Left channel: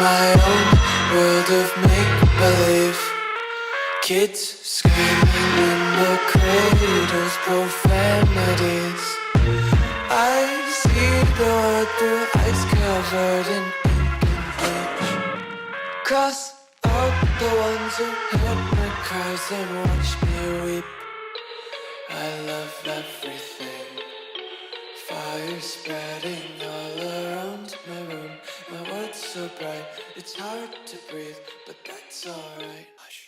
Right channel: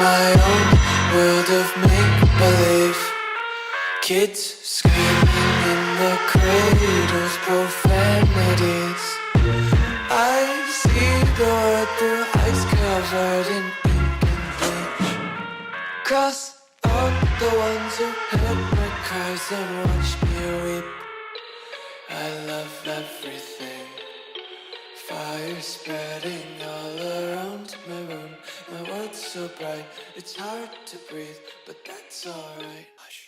my own world of make-believe. Kids screaming in the cradles, profanities. I see the world through eyes covered in ink and bleach. Cross out the ones who heard my cries and watched me weep. I love everything. Fire spreading all around my room. My world's so bright, it's hard to breathe, but that's alright. Hush.